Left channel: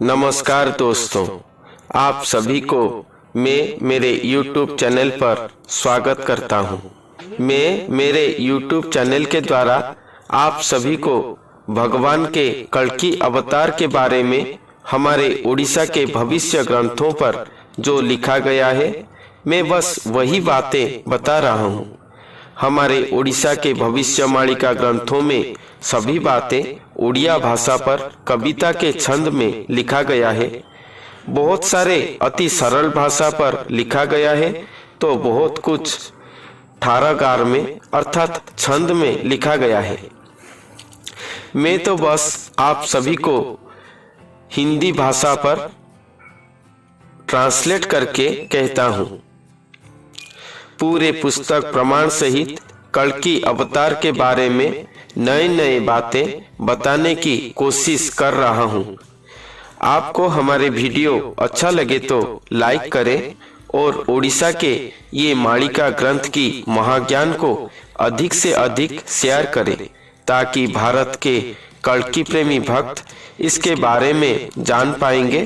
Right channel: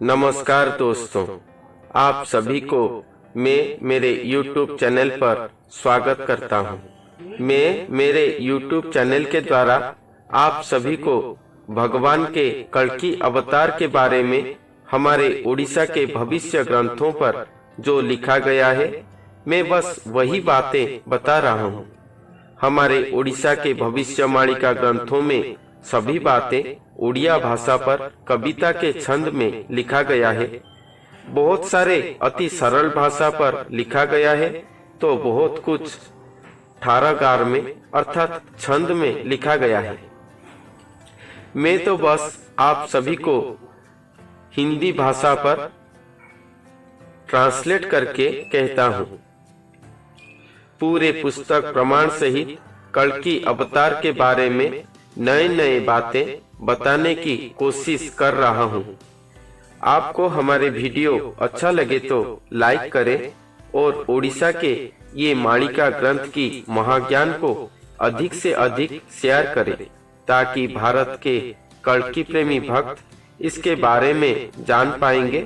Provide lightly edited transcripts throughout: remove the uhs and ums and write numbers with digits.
नमस्कार दोस्तों, आप सभी को मैं मेरे YouTube चैनल पर स्वागत करता हूं। मैं मेरे YouTube चैनल के द्वारा आप सभी को भगवान के कल्कि अवतार के बारे में हमारे उड़ीसा के भविष्य ग्रंथों पर जो लिखा गया है, मैं बस वही बातें बता रहा हूं। हमारे उड़ीसा के भविष्यवाणिका ग्रंथों में सभी बातें उड़िया भाषा पर कविता के छंद में लिखा गया है। बहुत सारे अति सरल भाषा पर लिखा गया है, तो बहुत कुछ ठारागार में अर्थात छंद में लिखा गया है। मैं तो बस आप सभी को हिंदी भाषा पर ट्रांसलेट करके कहता हूँ। पूरे पुस्तक प्रमाण सहित कल्कि अवतार के बारे में नए नए बातें बताने की कोशिश कर रहा हूँ। आपको हमारे वीडियो अच्छा लगे तो लाइक करें और उड़ीसा के ये मालिका ग्रंथ की महाज्ञान को अधिक से अधिक शेयर करें, ताकि भारत के कल्कि प्रेमी भक्त इसके बारे में जान पाएंगे।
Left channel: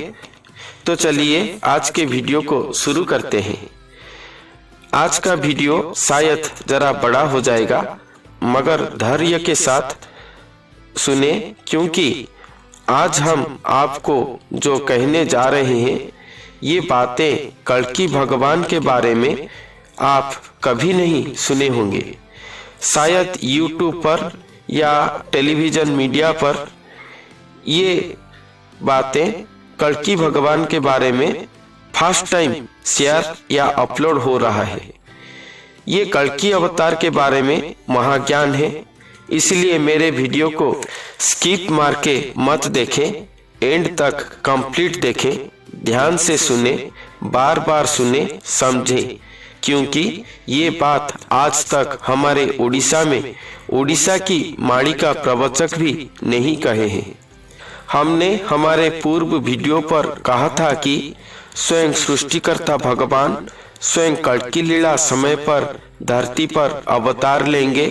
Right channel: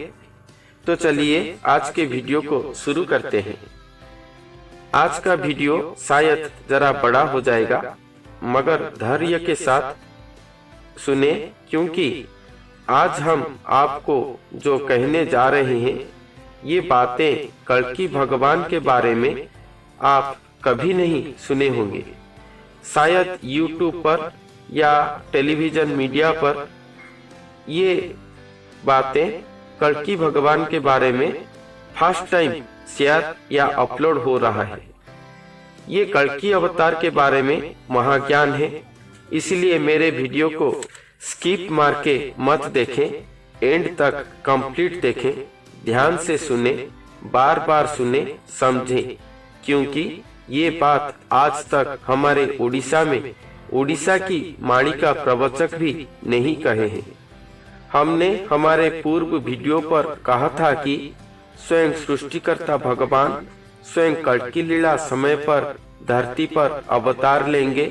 तो चलिए आज के वीडियो को शुरू करते हैं। आज का वीडियो शायद जरा बड़ा हो जाएगा, मगर धैर्य के साथ सुने, क्योंकि आज हम आपको जो कहने जा रहे हैं ये बातें कल्कि भगवान के बारे में आप कभी नहीं सुने होंगे। शायद YouTube पर या टेलीविज़न मीडिया पर ये बातें कल्कि भगवान के बारे में फर्स्ट टाइम शेयर या अपलोड हो रहा है। ये कल्कि अवतार के बारे में महाज्ञान है, इसलिए मेरे वीडियो को स्किप मार के मत देखें, एंड तक कंप्लीट देखें, ध्यान से सुने, बार बार सुने, समझें, क्योंकि ये बात आज तक हमारे उड़ीसा में उड़ीसा की मालिका प्रवचक भी नहीं कहे हैं। हमने हमारे पूर्व वीडियो पर कहा था कि स्वयं सृष्टिकर्ता भगवान स्वयं कल्कि लीला समय पर धरती पर अवतार लेंगे।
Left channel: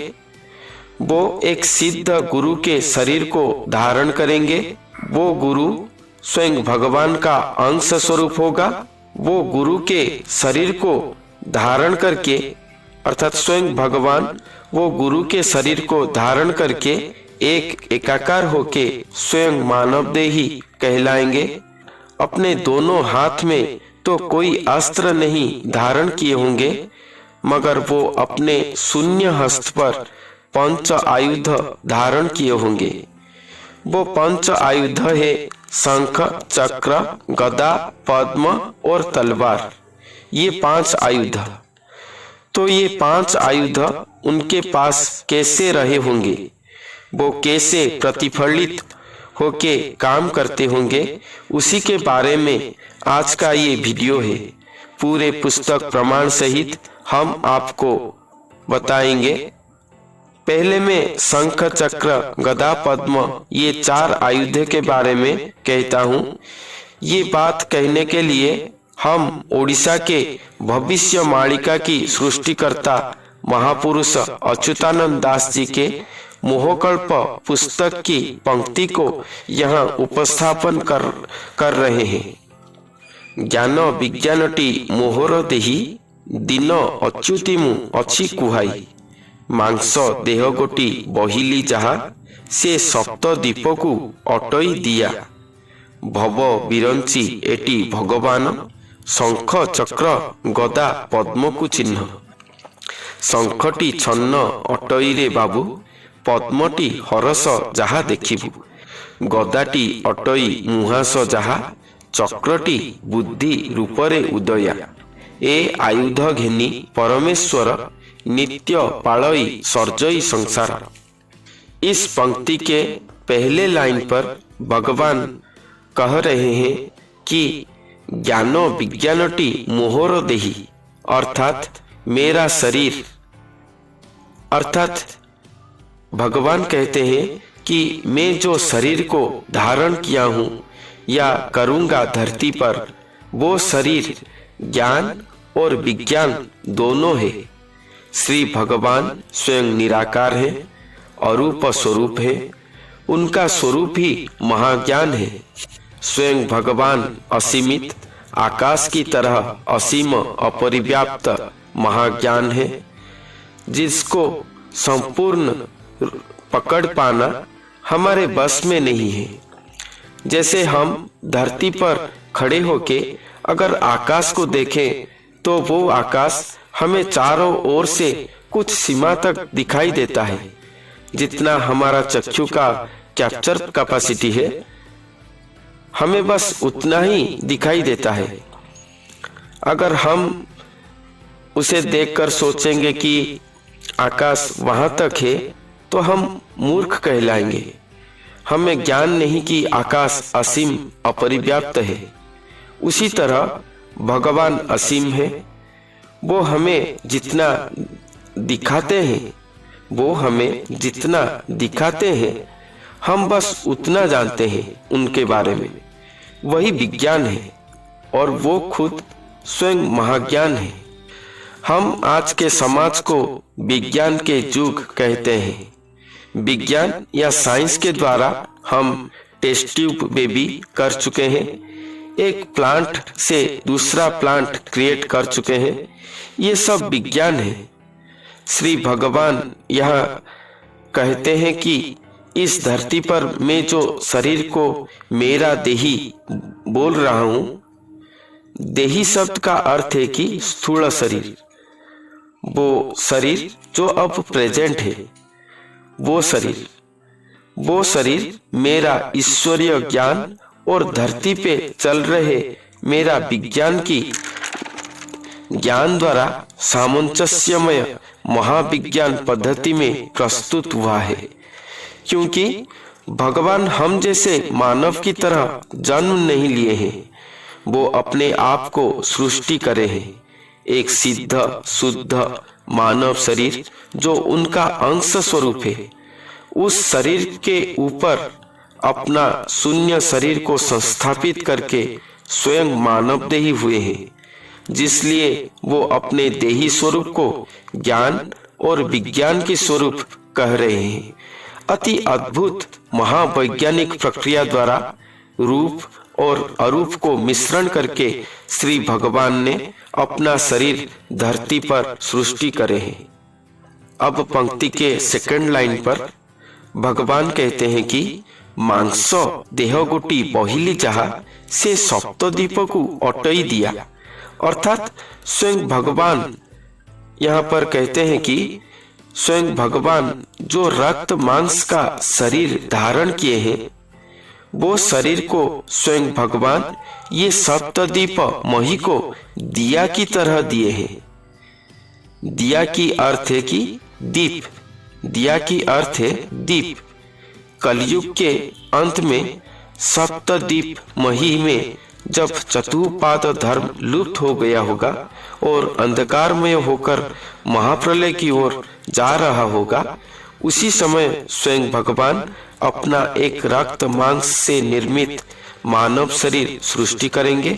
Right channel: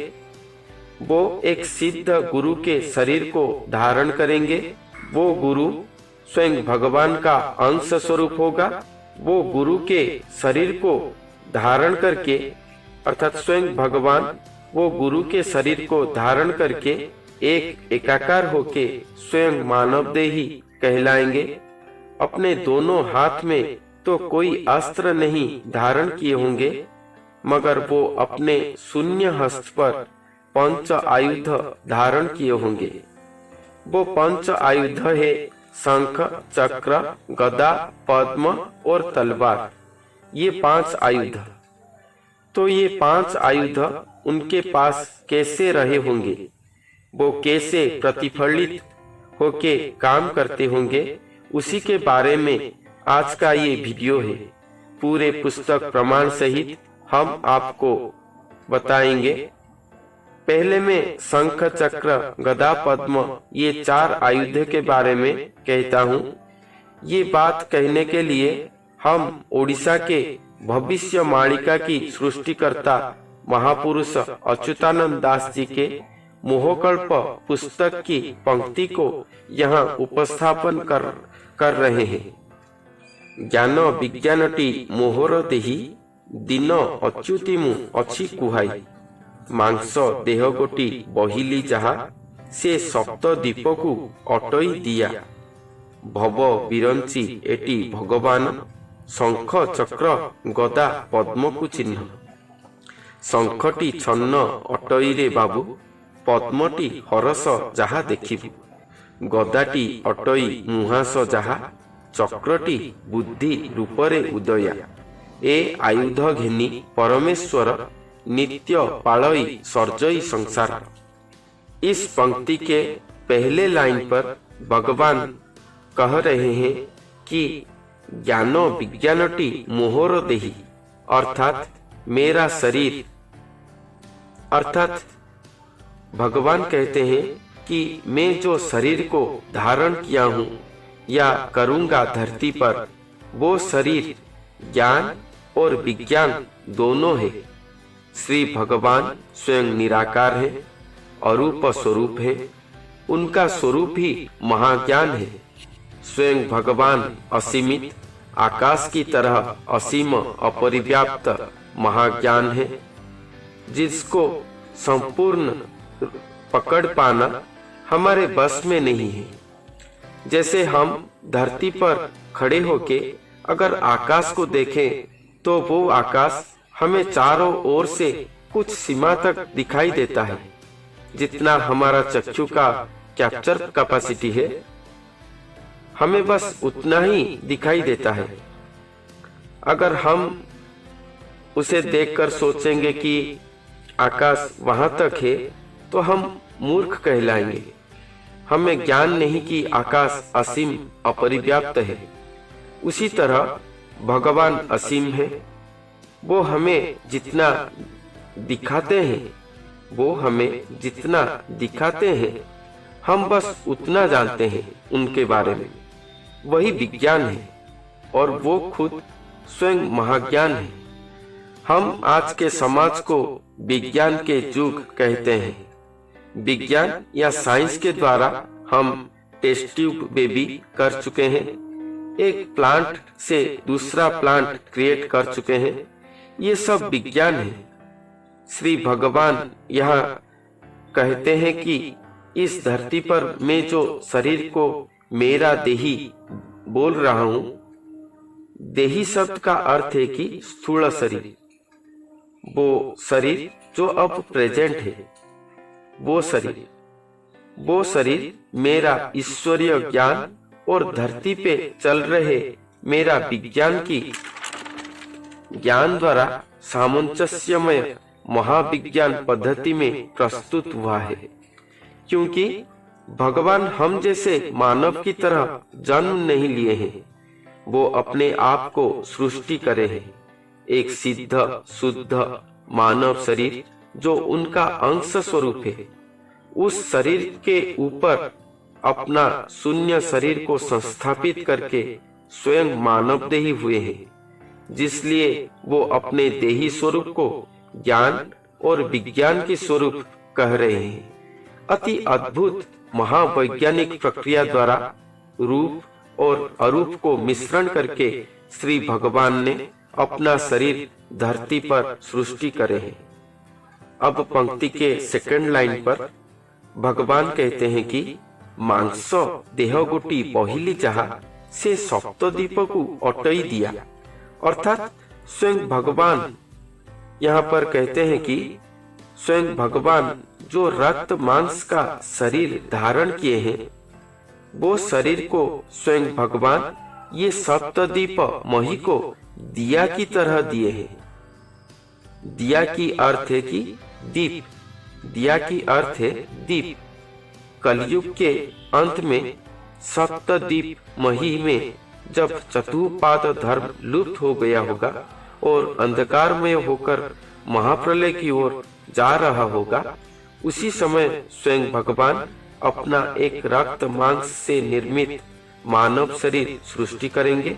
वो एक सिद्ध गुरु के शरीर को धारण करेंगे। वो गुरु स्वयं भगवान का अंश स्वरूप होगा। वो गुरु के शरीर को धारण करके अर्थात स्वयं भगवान वो गुरु के शरीर को धारण करके एक एकाकार होके स्वयं मानव देही कहलाएंगे। अपने दोनों हाथ में तो कोई अस्त्र नहीं धारण किए होंगे, मगर वो अपने शून्य हस्त पर पंच आयुध धारण किए होंगे। वो पंच आयुध है शंख, चक्र, गदा, पद्म और तलवार। ये 5 आयुध। तो ये 5 आयुध उनके पास कैसे रहे होंगे, वो कैसे प्रतिफलित होके काम करते होंगे, उसी के बारे में आज का ये वीडियो है। पूरे पुस्तक प्रमाण सहित हम आपको बताएंगे। पहले में शंख, चक्र, गदा, पद्म ये 4 आयुध के बारे में कहता हूँ। ये बात कहने के लिए हम उड़ीसा के भविष्य मालिका की सृष्टिकर्ता महापुरुष अच्युतानंद दास जी के मोहकल्प पुस्तक की पंक्ति को यहाँ उपस्थापन कर रहे हैं। ज्ञान विज्ञानटी मोहर देही दिन अच्युतिमु अच्छी कुहाई मांस देह गोटी बहिली जहा से सप्त दीप को अटई दिया भव बिरंची एटी भगवान शंख चक्र गदा पद्म को चिन्ह शंखटी छन्न अटई रे बाबू पद्मटी हरस जहा देखिबु गदाटी अटई मुहास जहा चक्रटी बुद्धि रूपरे उदया ए आयुध घेनी परमेश्वर नित्य पालई सर्जई संसार। इस पंक्ति के पहले लाइन पर भगवान कह रहे हैं कि ज्ञान विज्ञानटी मोहर देही अर्थात मेरा शरीर, अर्थात भगवान कहते हैं कि मैं जो शरीर को धारण किया हूँ या करूँगा धरती पर, वो शरीर ज्ञान और विज्ञान दोनों है। श्री भगवान स्वयं निराकार है, अरूप स्वरूप है, उनका स्वरूप ही महाज्ञान है। स्वयं भगवान असीमित आकाश की तरह असीम अपरिव्याप्त महाज्ञान है, जिसको संपूर्ण पकड़ पाना हमारे बस में नहीं है। जैसे हम धरती पर खड़े होके अगर आकाश को देखें तो वो आकाश हमें चारों ओर से कुछ सीमा तक दिखाई देता है। जितना हमारा चक्षु का कैप्चर कैपेसिटी है, हमें बस उतना ही दिखाई देता है। अगर हम उसे देखकर सोचेंगे कि आकाश वहां तक है तो हम मूर्ख कहलाएंगे। हमें ज्ञान नहीं कि आकाश असीम अपरिव्याप्त है। उसी तरह भगवान असीम है। वो हमें जितना दिखाते हैं हम बस उतना जानते हैं उनके बारे में। वही विज्ञान है और वो खुद स्वयं महाज्ञान है। हम आज के समाज को विज्ञान के युग कहते हैं। विज्ञान या साइंस के द्वारा हम टेस्ट ट्यूब बेबी कर चुके हैं, एक प्लांट से दूसरा प्लांट क्रिएट कर चुके हैं। ये सब विज्ञान है। श्री भगवान यहाँ कहते हैं कि इस धरती पर मैं जो शरीर को मेरा देही बोल रहा हूँ, देही शब्द का अर्थ है कि स्थूल शरीर। वो शरीर जो अब प्रेजेंट है, वो शरीर मेरा ईश्वरीय ज्ञान और धरती पे चल रहे मेरा विज्ञान की ज्ञान द्वारा सामंजस्यमय महाविज्ञान पद्धति में प्रस्तुत हुआ है। क्योंकि भगवान हम जैसे मानव की तरह जन्म नहीं लिए हैं, वो अपने आप को सृष्टि करे हैं। एक सिद्ध शुद्ध मानव शरीर जो उनका अंश स्वरूप है, उस शरीर के ऊपर अपना शून्य शरीर को संस्थापित करके स्वयं मानव देही हुए हैं, जिसलिए वो अपने देही स्वरूप को ज्ञान और विज्ञान के स्वरूप कह रहे हैं। अति अद्भुत महावैज्ञानिक प्रक्रिया द्वारा रूप और अरूप को मिश्रण करके श्री भगवान ने अपना शरीर धरती पर सृष्टि करे हैं। अब पंक्ति के सेकंड लाइन पर भगवान कहते हैं कि मांस देह गोटी बहिली जहा से सप्तद्वीप को अटई दिया। अर्थात स्वयं भगवान यहाँ पर कहते हैं कि स्वयं भगवान जो रक्त मांस का शरीर धारण किए हैं, वो शरीर को स्वयं भगवान ये सप्तद्वीप मही को दिया की तरह दिए हैं। दिया की अर्थ है कि दीप, दिया की अर्थ है दीप। कलयुग के अंत में सप्तद्वीप मही में जब चतुष्पाद धर्म लुप्त हो गया होगा और अंधकारमय होकर महाप्रलय की ओर जा रहा होगा, उसी समय स्वयं भगवान अपना एक रक्त मांस से निर्मित मानव शरीर सृष्टि करेंगे,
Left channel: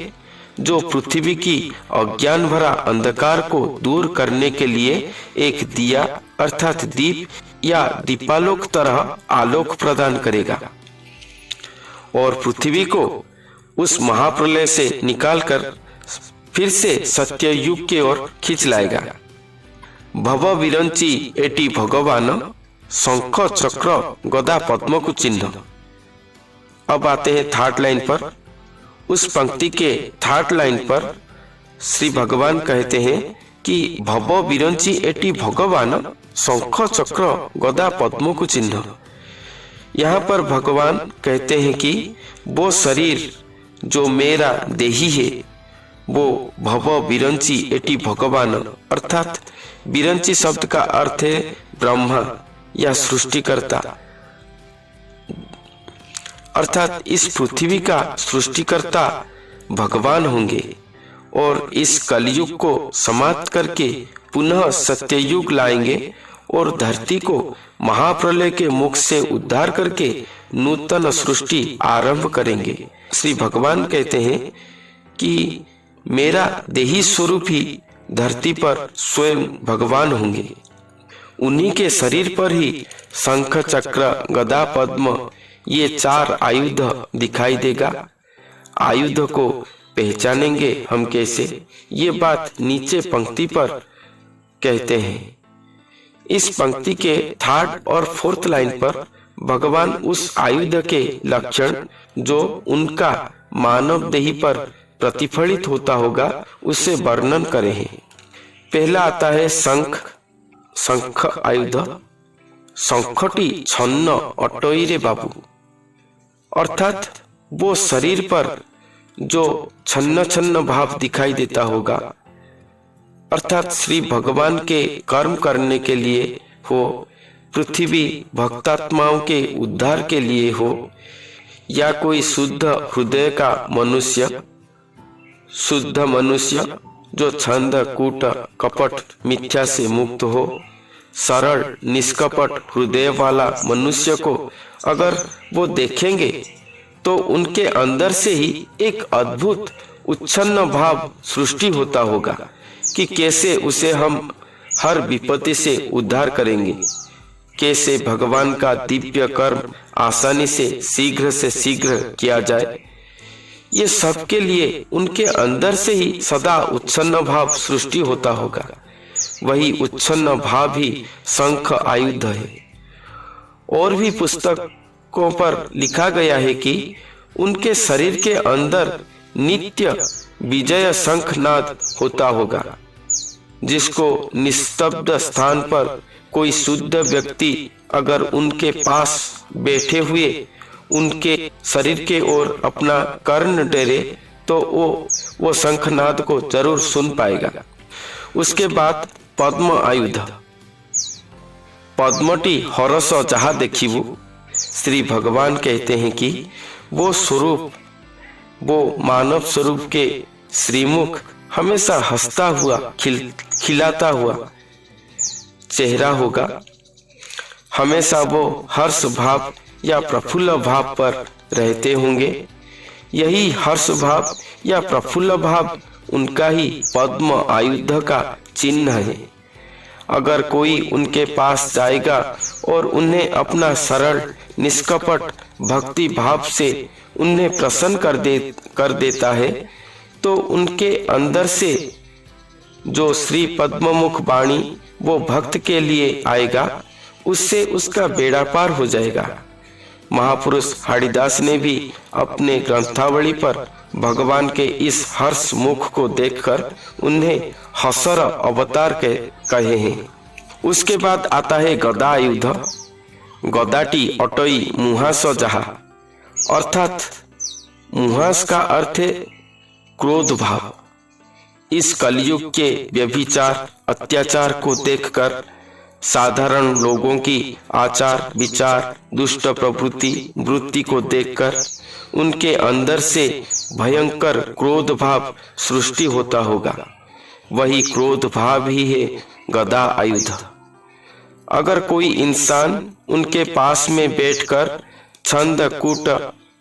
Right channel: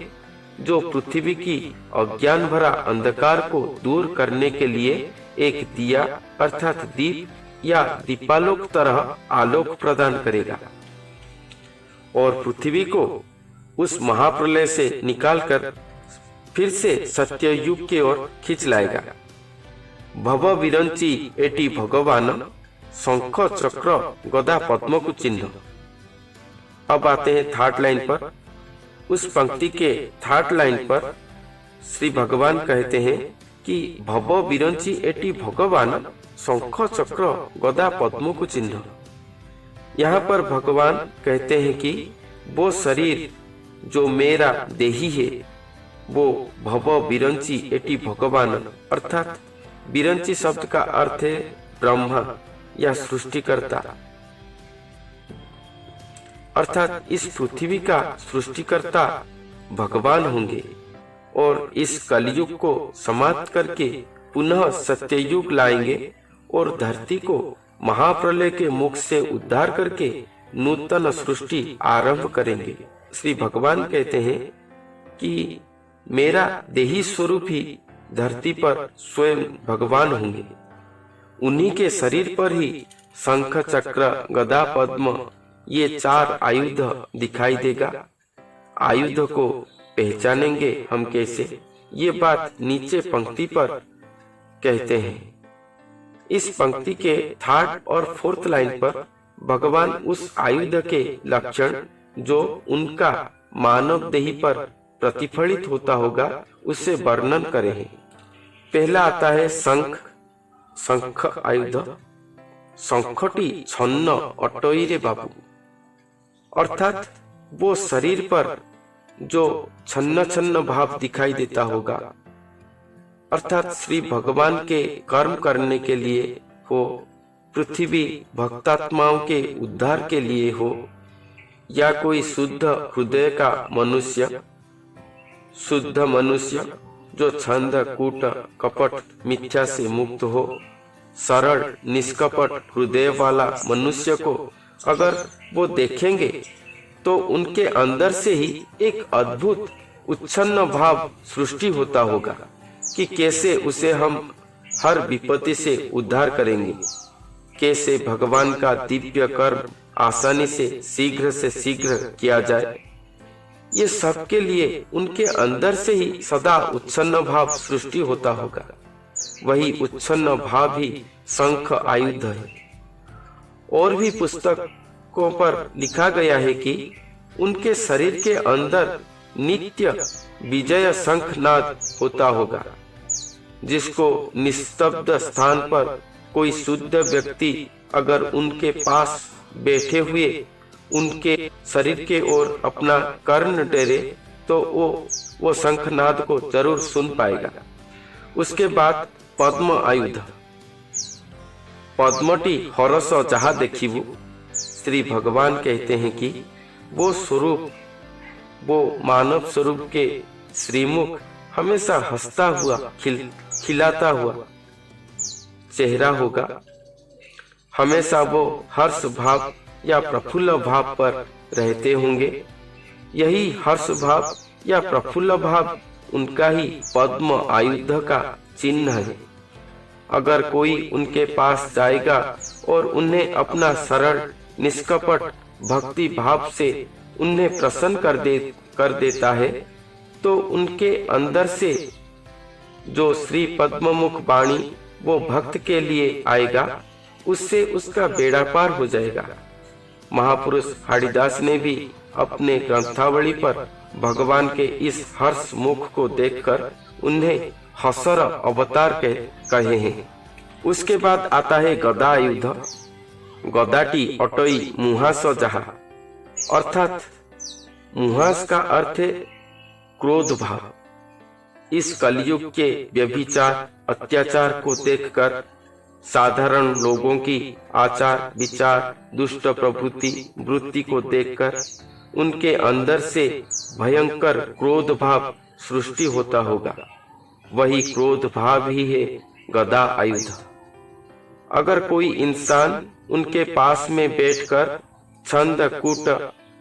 जो पृथ्वी की अज्ञान भरा अंधकार को दूर करने के लिए एक दिया अर्थात दीप या दीपालोक तरह आलोक प्रदान करेगा और पृथ्वी को उस महाप्रलय से निकालकर फिर से सत्य युग की ओर खींच लाएगा। भव विरंची एटी भगवान शंख चक्र गदा पद्म को चिन्ह। अब आते हैं थर्ड लाइन पर। उस पंक्ति के थर्ड लाइन पर श्री भगवान कहते हैं कि भव विरंची एटी भगवान शंख चक्र गदा पद्म को चिन्ह। यहाँ पर भगवान कहते हैं कि वो शरीर जो मेरा देही है, वो भव विरंची एटी भगवान अर्थात विरंची शब्द का अर्थ है ब्रह्मा या सृष्टिकर्ता, अर्थात इस पृथ्वी का सृष्टिकर्ता भगवान होंगे और इस कलयुग को समाप्त करके पुनः सत्ययुग लाएंगे और धरती को महाप्रलय के मुख से उद्धार करके नूतन सृष्टि आरंभ करेंगे। श्री भगवान कहते हैं कि मेरा देही स्वरूप ही धरती पर स्वयं भगवान होंगे। उन्हीं के शरीर पर ही शंख चक्र गदा पद्म ये चार आयुध दिखाई देगा। आयुध को पहचानेंगे हम कैसे? ये बात नीचे पंक्ति पर कहते हैं। इस पंक्ति के थर्ड और फोर्थ लाइन पर भगवान उस आयुध के लक्षण जो उनका मानव देही पर प्रतिफलित होता होगा उससे वर्णन करे हैं। पहला आता है शंख। शंख आयुध। शंखटी छन्न अटोई रे बाबू, अर्थात वो शरीर पर जो छन्न छन्न भाव दिखाई देता होगा, अर्थात श्री भगवान के कर्म करने के लिए हो, पृथ्वी भक्तात्माओं के उद्धार के लिए हो, या कोई शुद्ध हृदय का मनुष्य, शुद्ध मनुष्य जो छंद कूट कपट मिथ्या से मुक्त हो, सरल निष्कपट हृदय वाला मनुष्य को अगर वो देखेंगे तो उनके अंदर से ही एक अद्भुत उच्छन्न भाव सृष्टि होता होगा कि कैसे उसे हम हर विपत्ति से उद्धार करेंगे, कैसे भगवान का दिव्य कर्म आसानी से शीघ्र किया जाए। ये सबके लिए उनके अंदर से ही सदा उच्छन्न भाव सृष्टि होता होगा। वही उच्छन्न भाव ही शंख आयुध है। और भी पुस्तकों पर लिखा गया है कि उनके शरीर के अंदर नित्य विजय शंखनाद होता होगा, जिसको निस्तब्ध स्थान पर कोई शुद्ध व्यक्ति अगर उनके पास बैठे हुए उनके शरीर के ओर अपना कर्ण डेरे तो वो शंखनाद को जरूर सुन पाएगा। उसके बाद पद्म आयुध। पद्मटी हरस जहाँ देखिबू, श्री भगवान कहते हैं कि वो स्वरूप, वो मानव स्वरूप के श्रीमुख हमेशा हंसता हुआ खिलाता हुआ चेहरा होगा। हमेशा वो हर्ष भाव या प्रफुल्ल भाव पर रहते होंगे। यही हर्ष भाव या प्रफुल्ल भाव उनका ही पद्म आयुध का चिन्ह है। अगर कोई उनके पास जाएगा और उन्हें अपना सरल निष्कपट भक्ति भाव से उन्हें प्रसन्न कर देता है तो उनके अंदर से जो श्री पद्ममुख वाणी वो भक्त के लिए आएगा, उससे उसका बेड़ा पार हो जाएगा। महापुरुष हाड़ीदास ने भी अपने ग्रंथावली पर भगवान के इस हर्ष मुख को देखकर उन्हें हसर अवतार कहे हैं। उसके बाद आता है गदा आयुध। गदाटी अटोई मुहास जहा, अर्थात मुहास का अर्थ है क्रोध भाव। इस कलयुग के व्यभिचार अत्याचार को देखकर साधारण लोगों की आचार विचार दुष्ट वृत्ति को देखकर उनके अंदर से भयंकर क्रोध भाव सृष्टि होता होगा। वही क्रोध भाव ही है गदा आयुध। अगर कोई इंसान उनके पास में बैठकर छंद कूट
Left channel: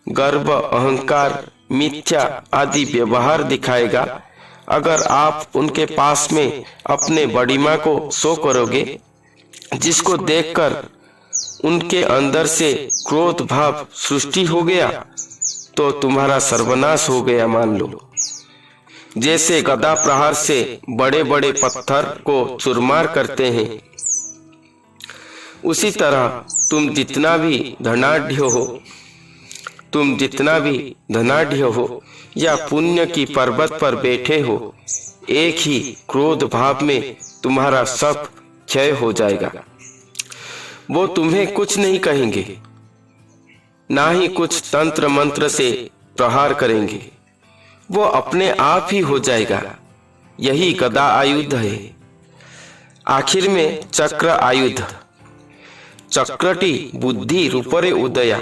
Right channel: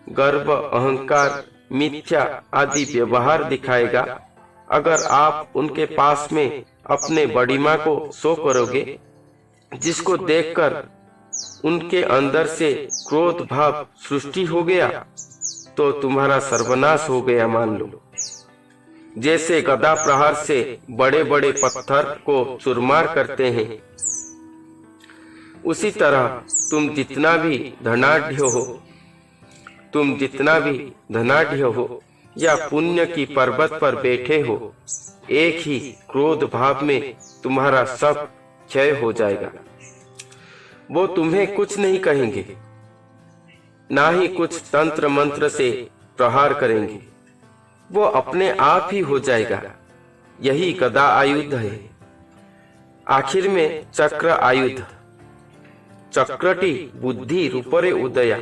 गर्व अहंकार मिथ्या आदि व्यवहार दिखाएगा, अगर आप उनके पास में अपने बड़ीमा को शो करोगे, जिसको देखकर उनके अंदर से क्रोध भाव सृष्टि हो गया, तो तुम्हारा सर्वनाश हो गया मान लो। जैसे गदा प्रहार से बड़े बड़े पत्थर को चुरमार करते हैं, उसी तरह तुम जितना भी धनाढ़ हो या पुण्य की पर्वत पर बैठे हो, एक ही क्रोध भाव में तुम्हारा सब क्षय हो जाएगा। वो तुम्हें कुछ नहीं कहेंगे, ना ही कुछ तंत्र मंत्र से प्रहार करेंगे, वो अपने आप ही हो जाएगा। यही गदा आयुध है। आखिर में चक्र आयुध। चक्रटी बुद्धि रूपरे उदया,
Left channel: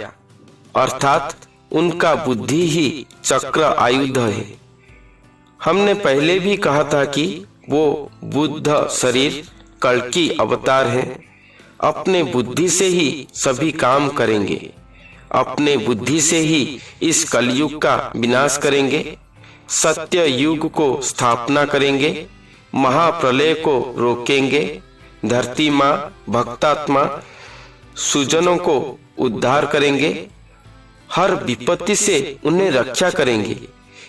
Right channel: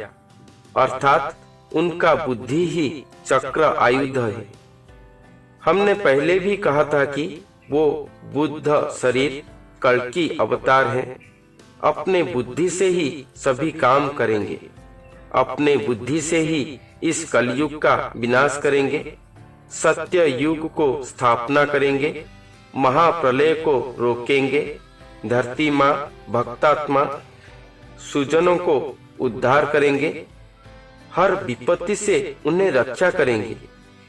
अर्थात उनका बुद्धि ही चक्र आयुध है। हमने पहले भी कहा था कि वो बुद्ध शरीर कल्कि अवतार है। अपने बुद्धि से ही सभी काम करेंगे, अपने बुद्धि से ही इस कलयुग का विनाश करेंगे, सत्य युग को स्थापना करेंगे, महाप्रलय को रोकेंगे, धरती माँ भक्तात्मा सुजनों को उद्धार करेंगे, हर विपत्ति से उन्हें रक्षा करेंगे।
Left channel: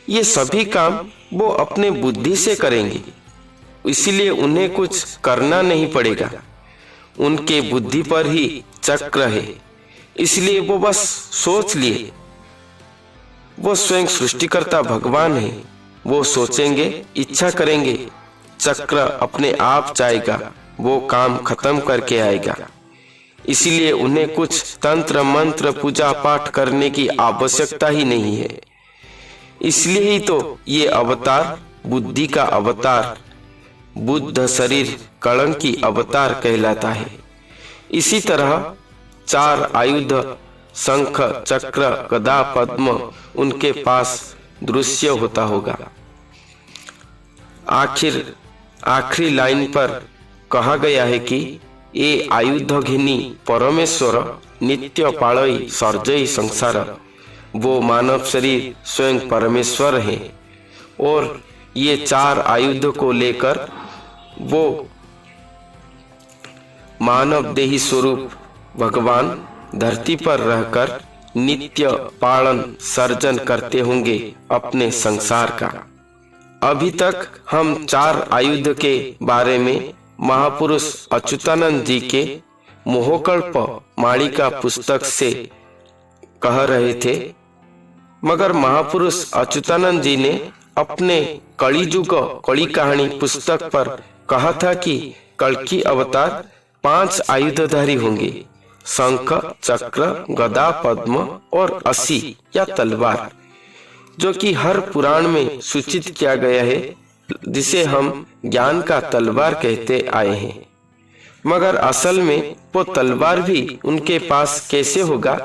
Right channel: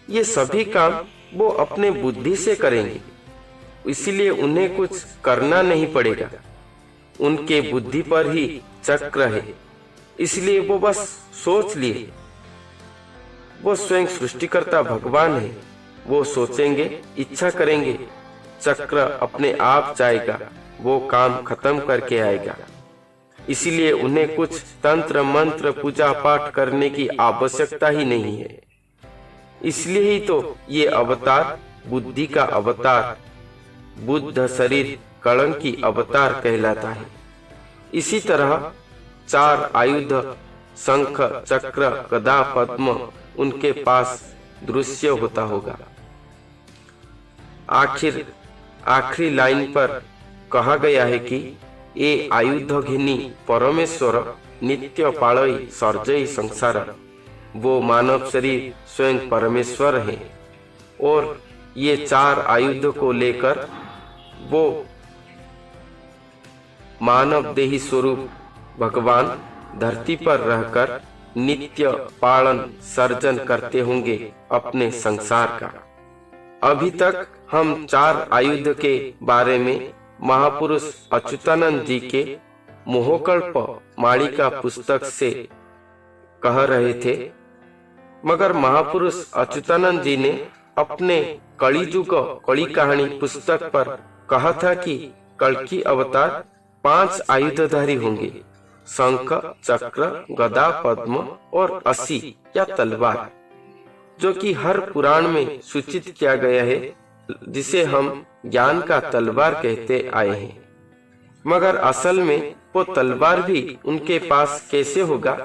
ये सभी काम वो अपने बुद्धि से करेंगे, इसलिए उन्हें कुछ करना नहीं पड़ेगा। उनके बुद्धि पर ही चक्र है, इसलिए वो बस सोच लिए। वो स्वयं सृष्टिकर्ता भगवान है। वो सोचेंगे, इच्छा करेंगे, चक्र अपने आप जाएगा, वो काम खत्म करके आएगा। इसीलिए उन्हें कुछ तंत्र मंत्र पूजा पाठ करने की आवश्यकता ही नहीं है। इसलिए ही तो ये अवतार बुद्धि का अवतार, बुद्ध शरीर कलंकी अवतार कहलाता है। इसी तरह 4 आयुध शंख चक्र गदा पद्म उनके पास दृश्य होता होगा। आखिरी लाइन पर कहा गया है कि ये आयुध घिनी परमेश्वर नित्य पालई सर्जई संसार। वो मानव शरीर स्वयं परमेश्वर है और ये 4 आयुध को लेकर वो मानव देही स्वरूप भगवान धरती पर रहकर नित्य पालन सर्जन करते होंगे अपने संसार का। अभी तक हम 4 आयुध के बारे में महापुरुष अच्युतानंद जी के मोहकल्प मालिका पुस्तक से कह रहे थे, मगर महापुरुष अच्युतानंद जी ने अपने कलियुग कली कहानी पुस्तक पर कहा था कि कल्कि अवतार 5 आयुधधारी होंगे, शंख चक्र गदा पद्म और असी या तलवार, जो कि हर पुराण में सूचित किया गया है, जिसे हम ज्ञान का तलवार कहते आए हैं। मगर असल में वो तलवार भी उनके पास कैसे होगा,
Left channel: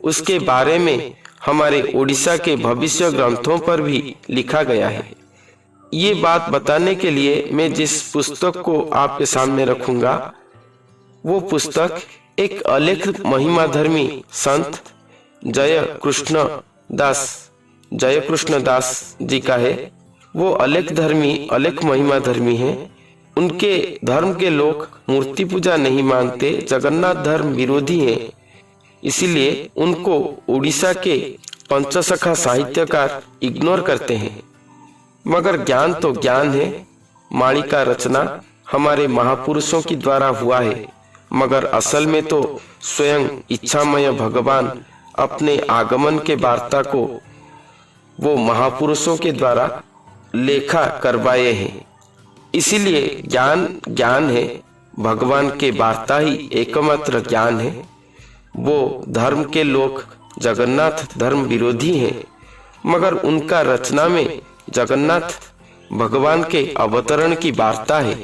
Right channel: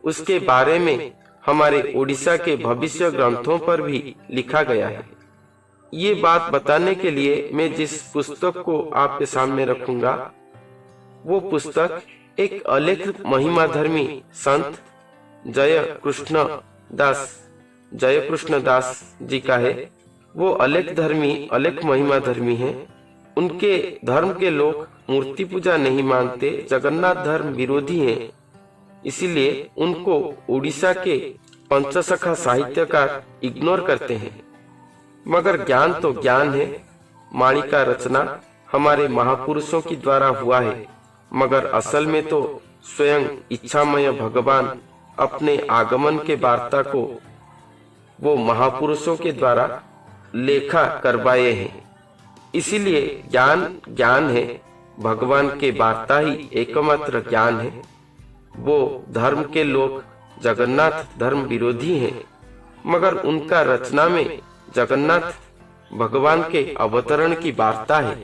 उसके बारे में हमारे उड़ीसा के भविष्य ग्रंथों पर भी लिखा गया है। ये बात बताने के लिए मैं जिस पुस्तक को आपके सामने रखूंगा, वो पुस्तक एक अलेख महिमाधर्मी संत जय कृष्ण दास जी का है। वो अलेख महिमा धर्मी है। उनके धर्म के लोग मूर्ति पूजा नहीं मानते, जगन्नाथ धर्म विरोधी हैं। इसीलिए उनको उड़ीसा के पंचसखा साहित्यकार इग्नोर करते हैं। मगर ज्ञान तो ज्ञान है। मालिका रचना हमारे महापुरुषों के द्वारा हुआ है, मगर असल में तो स्वयं इच्छामय भगवान अपने आगमन के वार्ता को वो महापुरुषों के द्वारा लेखा करवाए हैं। इसीलिए ज्ञान है, भगवान के वार्ता ही एकमात्र ज्ञान है। वो धर्म के लोग जगन्नाथ धर्म विरोधी हैं, मगर उनका रचना में जगन्नाथ भगवान के अवतरण की वार्ता है।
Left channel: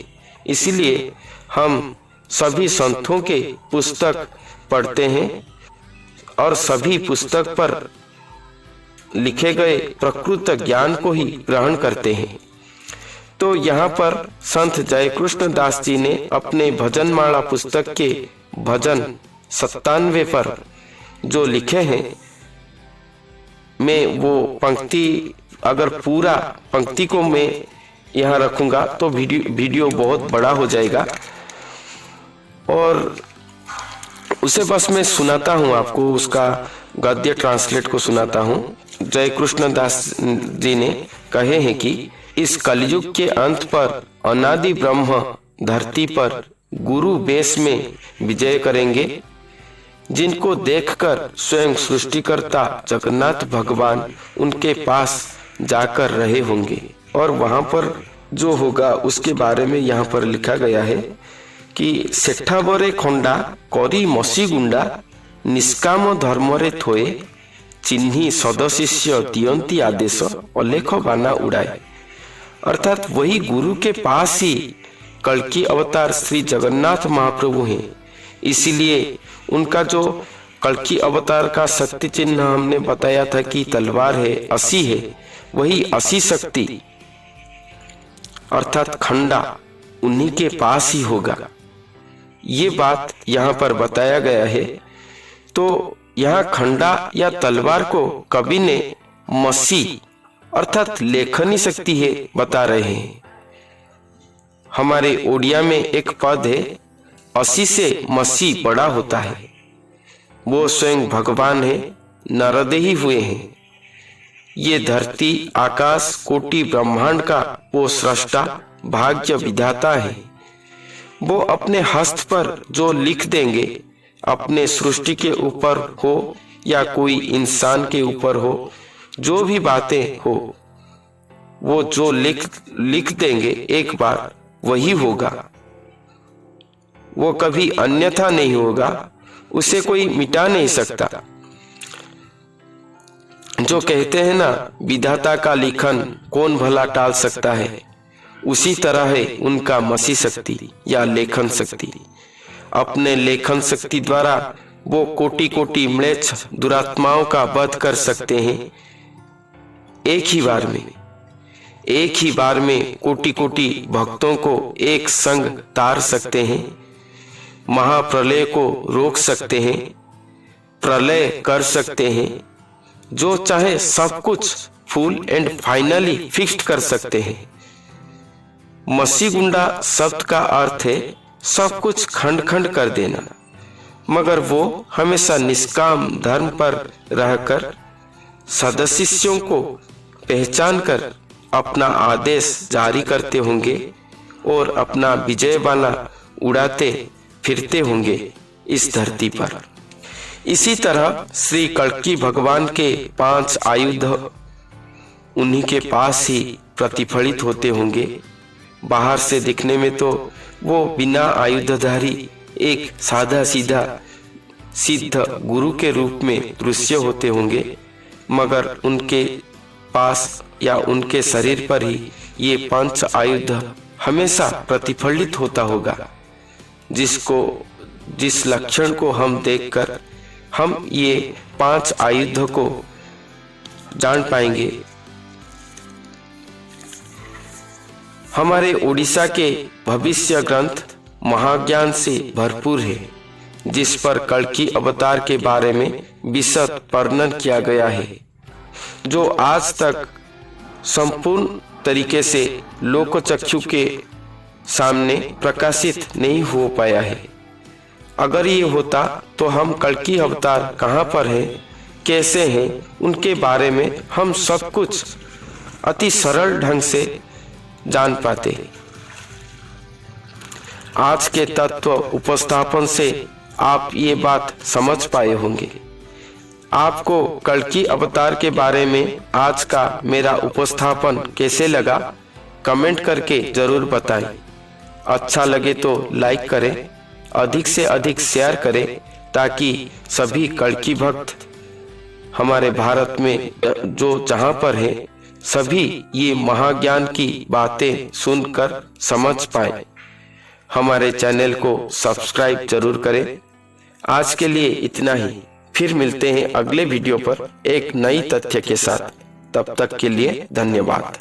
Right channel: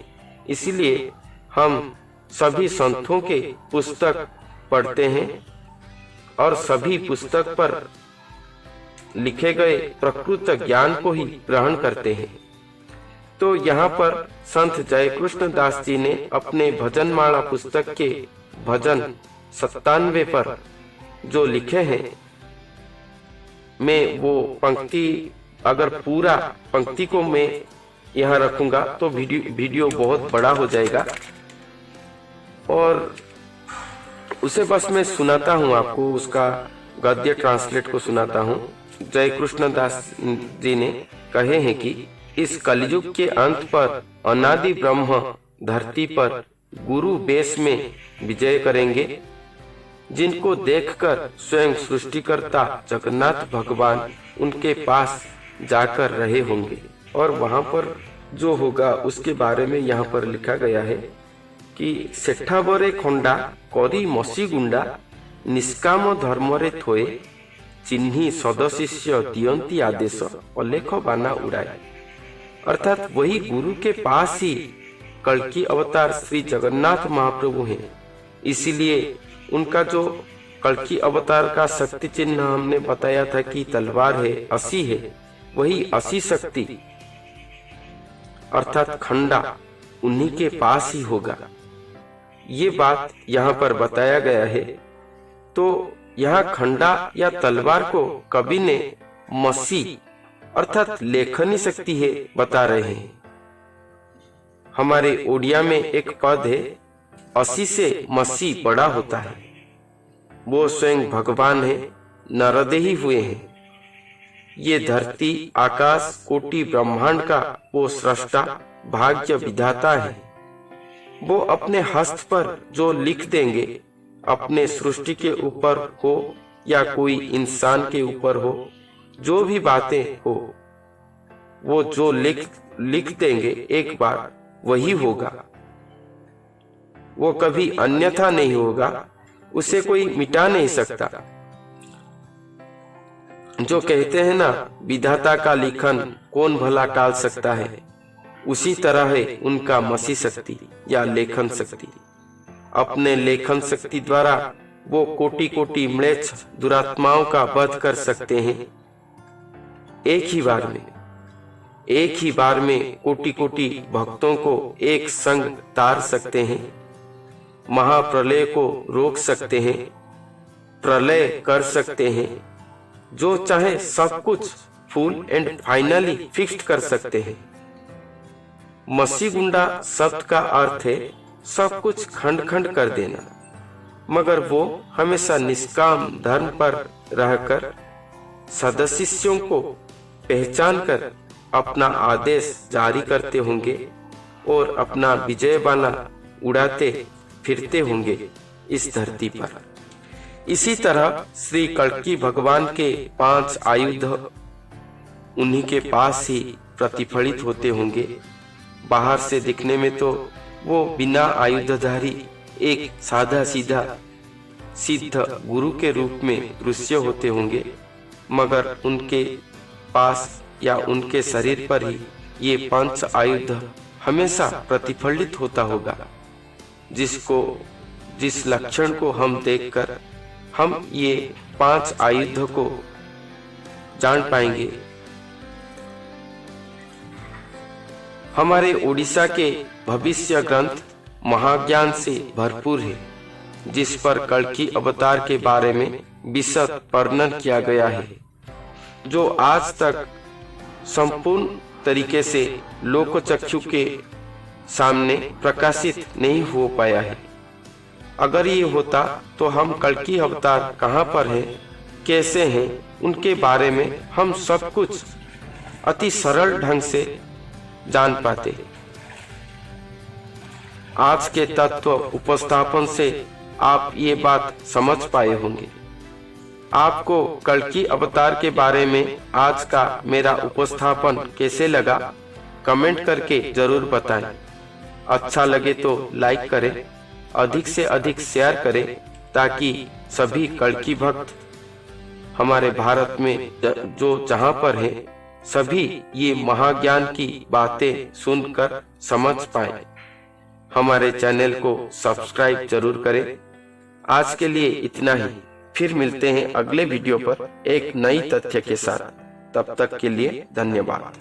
इसीलिए हम सभी संतों के पुस्तक पढ़ते हैं और सभी पुस्तक पर लिखे गए प्रकृत ज्ञान को ही ग्रहण करते हैं। तो यहाँ पर संत जयकृष्ण दास जी ने अपने भजनमाला पुस्तक के भजन 97 पर जो लिखे हैं, मैं वो पंक्ति, अगर पूरा पंक्ति को मैं यहाँ रखूंगा तो वीडियो बहुत बड़ा हो जाएगा, और उसे बस मैं सुनाता हूँ आपको, उसका गद्य ट्रांसलेट को सुनाता हूँ। जय कृष्ण दास जी ने कहे हैं कि इस कलयुग के अंत पर अनादि ब्रह्म धरती पर गुरु वेश में विजय करेंगे, जिनको देखकर स्वयं सृष्टिकर्ता जगन्नाथ भगवान उनके पास जाकर रहे होंगे। और वहां पर जो होगा उसके बारे में यहाँ पर लिखा गया है कि सेठाबरे खंडा करी मसी गुंडा निष्काम धर्मरे थोए चिन्ही सदशिष्य दियंती आदेश अलेख बाना उड़ाए। अर्थात वही गुरु के पास ही कल्कि अवतार श्री जगन्नाथ महाप्रभु हैं। इसीलिए उनका जो कल्कि अवतार का शक्ति चिन्ह हमने बताया था कि तलवार है, असी है, वही असी शक्ति अर्थात खंडा उन्हीं के पास ही होगा। ये बात यहाँ पर बताया गया है। तो यहाँ खंडा या तलवार को कवि ने मसी अर्थात लेखनी शक्ति है बता रहे हैं। हमारे ओडिया में एक पद है, असी से मसी बड़ा होता है। वो स्वयं भगवान है, नरदे ही हुए हैं। ये धरती आकाश कोटि ब्रह्मांड का वो सृष्टा भाग्य विधाता है। वो अपने हस्त पर जो लिख देंगे, अपने सृष्टि के ऊपर हो या कोई इंसान के ऊपर हो, जो भी बातें हो, वो जो लिख देंगे एक बार वही होगा। वो कभी अन्यथा नहीं होगा, उसे कोई मिटा नहीं सकता। जो कहते हैं ना, विधाता का लिखन कौन भला टाल सकता है, उसी तरह है उनका मसी शक्ति या लेखन शक्ति। अपने लेखन शक्ति द्वारा वो कोटि कोटि म्लेच्छ दुरात्माओं का वध कर सकते हैं। एक ही बार में कोटि कोटि भक्तों को एक संग तार सकते हैं। महाप्रलय को रोक सकते हैं, प्रलय कर सकते हैं। जो चाहे सब कुछ फुल एंड फाइनली फिक्स्ड कर सकते हैं। मसीगुंडा शब्द का अर्थ है सब कुछ खंड खंड कर देना, मगर वो हमेशा निष्काम धर्म पर रहकर सदस्यों को पहचान कर अपना आदेश जारी करते होंगे और अपना विजय बाना उड़ाते फिरते होंगे इस धरती पर। इसी तरह श्री कल्की भगवान के 5 आयुध उन्हीं के पास ही प्रतिफलित होते होंगे। बाहर से दिखने में तो वो बिना आयुधधारी एक सादा सीधा सिद्ध गुरु के रूप में दृश्य होते होंगे, मगर उनके पास या उनके शरीर पर ही ये 5 आयुध हमेशा प्रतिफलित होता होगा। जिस लक्षण को हम देखकर हम ये 5 आयुध को जान पाएंगे। हमारे ओडिशा के भविष्य ग्रंथ महाज्ञान से भरपूर है, जिस पर कल्की अवतार के बारे में विशद वर्णन किया गया है, जो आज तक संपूर्ण तरीके से लोकचक्षु के सामने प्रकाशित नहीं हो पाया है। अगर ये होता तो हम कल्की अवतार कहाँ पर हैं, कैसे हैं, उनके बारे में हम सब कुछ अति सरल ढंग से जान पाते। आज के तत्व उपस्थापन से आप ये बात समझ पाए होंगे। आपको कल्की अवतार के बारे में आज का मेरा उपस्थापन कैसे लगा, कमेंट करके जरूर बताएं। अच्छा लगे तो लाइक करें, अधिक से अधिक शेयर करें, ताकि सभी कल्की भक्त हमारे भारत में जो जहाँ पर है सभी ये महाज्ञान की बातें सुनकर समझ पाए। हमारे चैनल को सब्सक्राइब जरूर करें। आज के लिए इतना ही, फिर मिलते हैं अगले वीडियो पर एक नई तथ्य के साथ। तब तक के लिए धन्यवाद।